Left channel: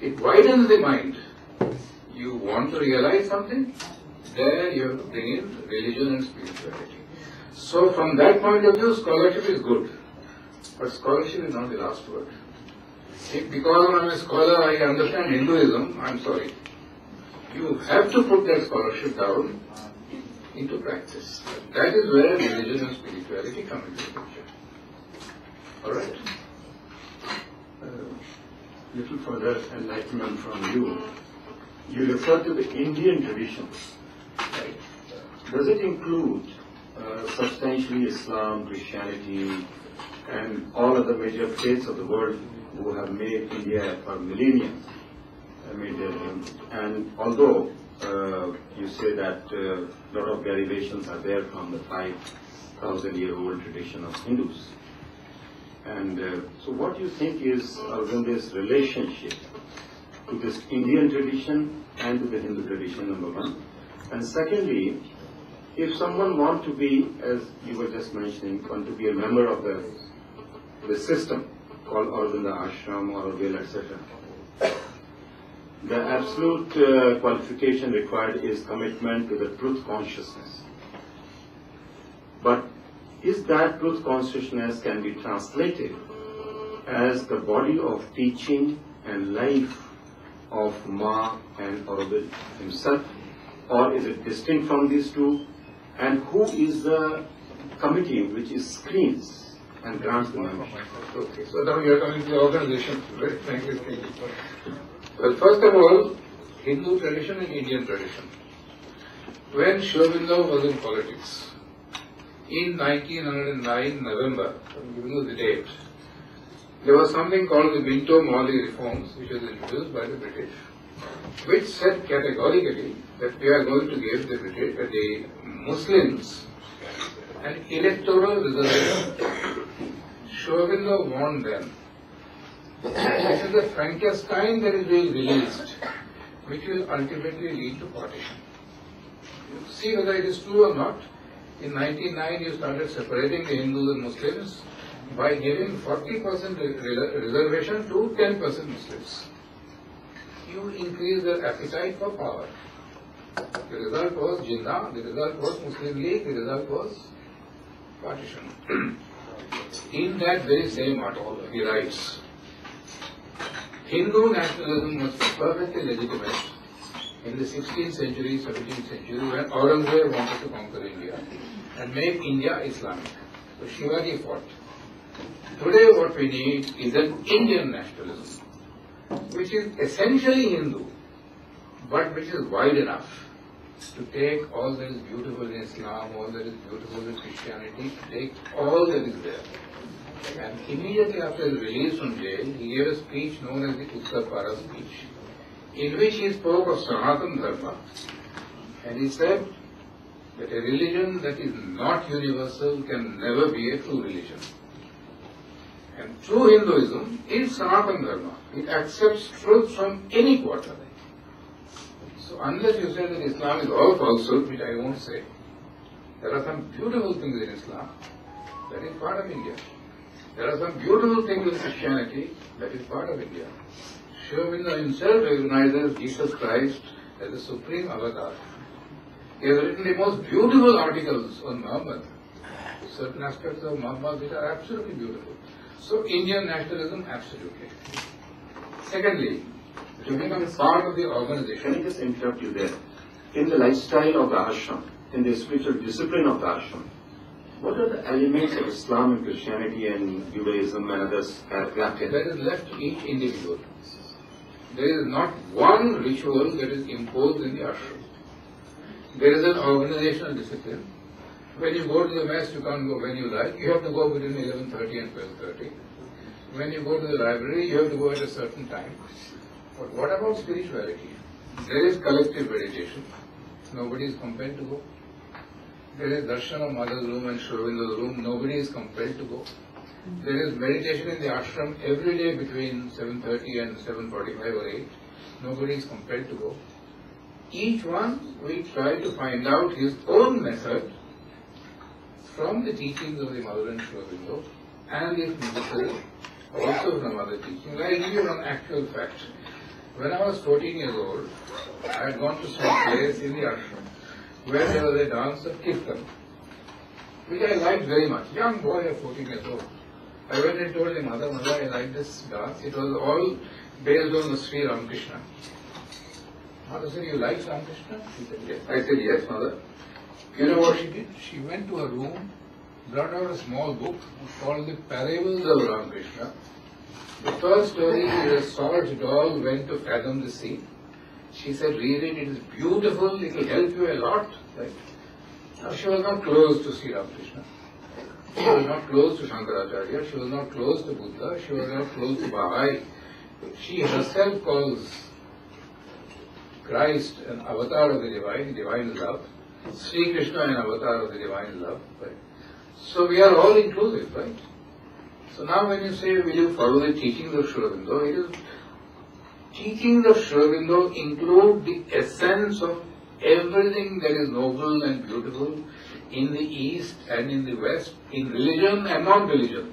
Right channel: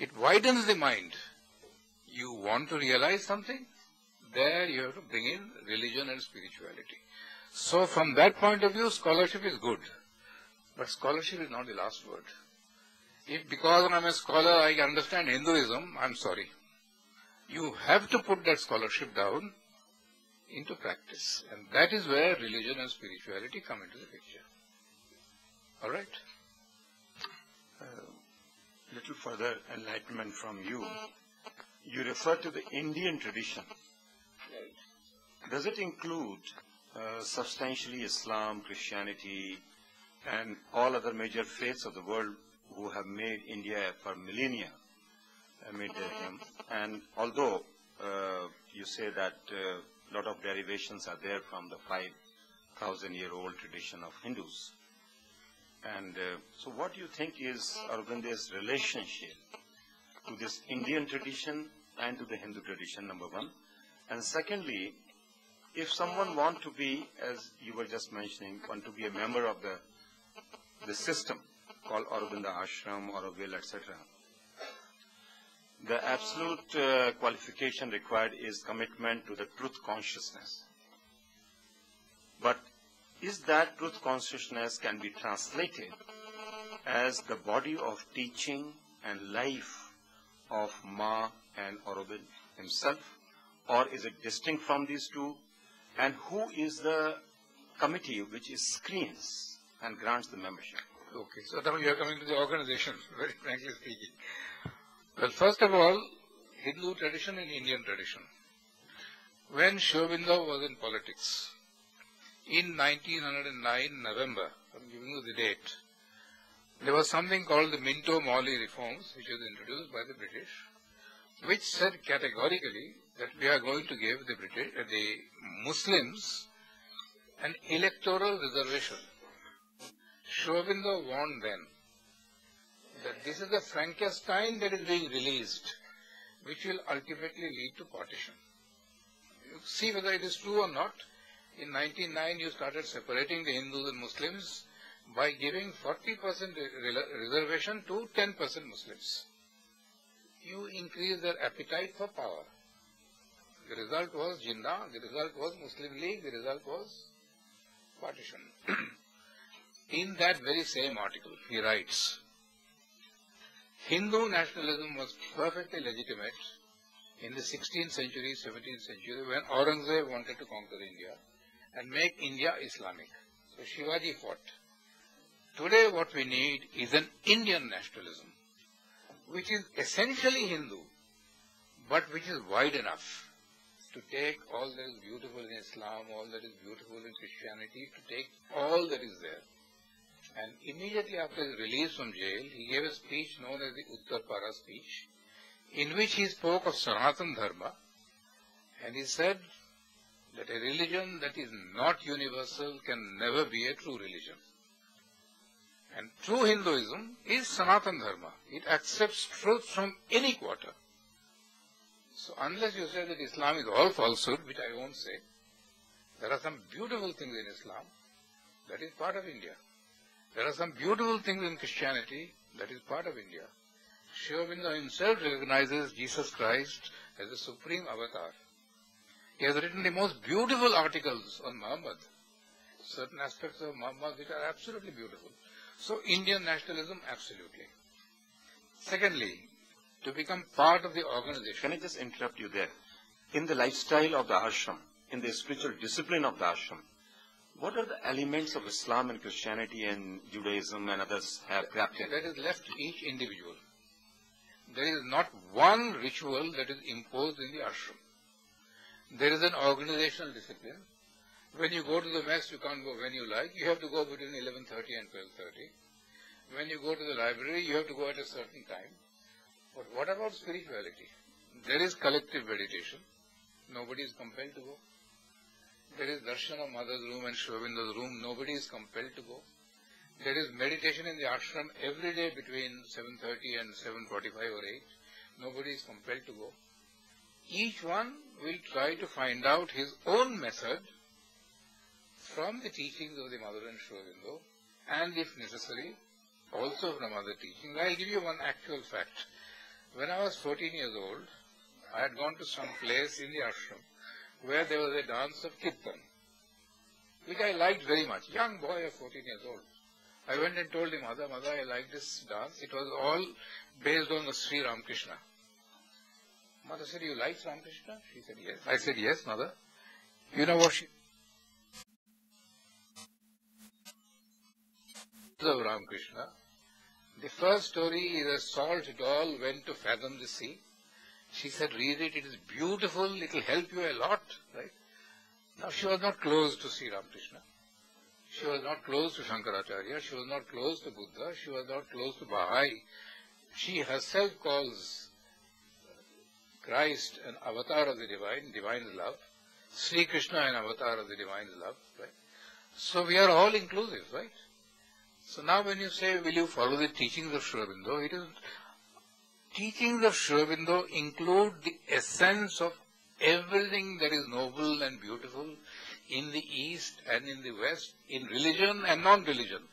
It widens the mind. You want to realize something, there you have to bring in religion and spirituality. So from that point of view, scholarship is good. But scholarship is not the last word. If because I am a scholar I understand Hinduism, I am sorry. You have to put that scholarship down into practice. That is where religion and spirituality come into the picture. Alright? Little further enlightenment from you. You refer to the Indian tradition. Right? Does it include substantially Islam, Christianity, and all other major faiths of the world who have made India for millennia? And although you say that a lot of derivations are there from the 5,000-year-old tradition of Hindus. And so what do you think is Aurobindo's relationship to this Indian tradition and to the Hindu tradition, number one? And secondly, if someone wants to be, as you were just mentioning, want to be a member of the system called Aurobindo Ashram or Auroville, etc., the absolute qualification required is commitment to the truth consciousness. But is that truth consciousness can be translated as the body of teaching and life of Ma and Aurobindo himself, or is it distinct from these two? And who is the committee which screens and grants the membership? Okay, so now you are coming to the organization, very frankly speaking. Well, first of all, Hindu tradition and Indian tradition. When Sri Aurobindo was in politics, in 1909 November, I'm giving you the date, there was something called the Minto-Morley reforms, which was introduced by the British, which said categorically that we are going to give the Muslims an electoral reservation. Sri Aurobindo warned them. This is the Frankenstein that is being released, which will ultimately lead to partition. You see whether it is true or not. In 1909, you started separating the Hindus and Muslims by giving 40% reservation to 10% Muslims. You increase their appetite for power. The result was Jinnah, the result was Muslim League, the result was partition. In that very same article, he writes, Hindu nationalism was perfectly legitimate in the 16th century, 17th century, when Aurangzeb wanted to conquer India and make India Islamic. So Shivaji fought. Today what we need is an Indian nationalism, which is essentially Hindu, but which is wide enough to take all that is beautiful in Islam, all that is beautiful in Christianity, to take all that is there. And immediately after his release from jail, he gave a speech known as the Uttarpara speech, in which he spoke of Sanatana Dharma, and he said that a religion that is not universal can never be a true religion. And true Hinduism is Sanatana Dharma. It accepts truth from any quarter. So unless you say that Islam is all falsehood, which I won't say, there are some beautiful things in Islam that is part of India. There are some beautiful things in Christianity that is part of India. Sri Aurobindo himself recognizes Jesus Christ as the supreme avatar. He has written the most beautiful articles on Muhammad. Certain aspects of Muhammad which are absolutely beautiful. So Indian nationalism, absolutely. Secondly, to become part of the organization. Can I just interrupt you there? In the lifestyle of the ashram, in the spiritual discipline of the ashram, what are the elements of Islam and Christianity and Judaism and others have crafted? That is left to each individual. There is not one ritual that is imposed in the ashram. There is an organizational discipline. When you go to the mess, you can't go when you like. You have to go between 11:30 and 12:30. When you go to the library, you have to go at a certain time. But what about spirituality? There is collective meditation. Nobody is compelled to go. There is darshan of Mother's room and Sri Aurobindo's room. Nobody is compelled to go. There is meditation in the ashram every day between 7:30 and 7:45 or 8. Nobody is compelled to go. Each one will try to find out his own method from the teachings of the Mother and Sri Aurobindo, and if necessary, also from other teachings. I will give you one actual fact. When I was 14 years old, I had gone to some place in the ashram where there was a dance of Kirtan, which I liked very much. Young boy of 14 years old. I went and told him, Mother, I like this dance. It was all based on the Sri Ramakrishna. Mother said, you like Ramakrishna? She said, yes. I said, yes, Mother. You know what she did? She went to her room, brought out a small book called The Parables of Ramakrishna. The first story is a salt doll went to fathom the sea. She said, read it, it is beautiful, it will help you a lot. Right? Now she was not close to Sri Ramakrishna. She was not close to Shankaracharya, she was not close to Buddha, she was not close to Bahá'í. She herself calls Christ an avatar of the divine love. Sri Krishna an avatar of the divine love. Right? So we are all inclusive, right? So now when you say, will you follow the teachings of Sri Aurobindo, it is teachings of Sri Aurobindo include the essence of everything that is noble and beautiful in the East and in the West, in religion and non-religion.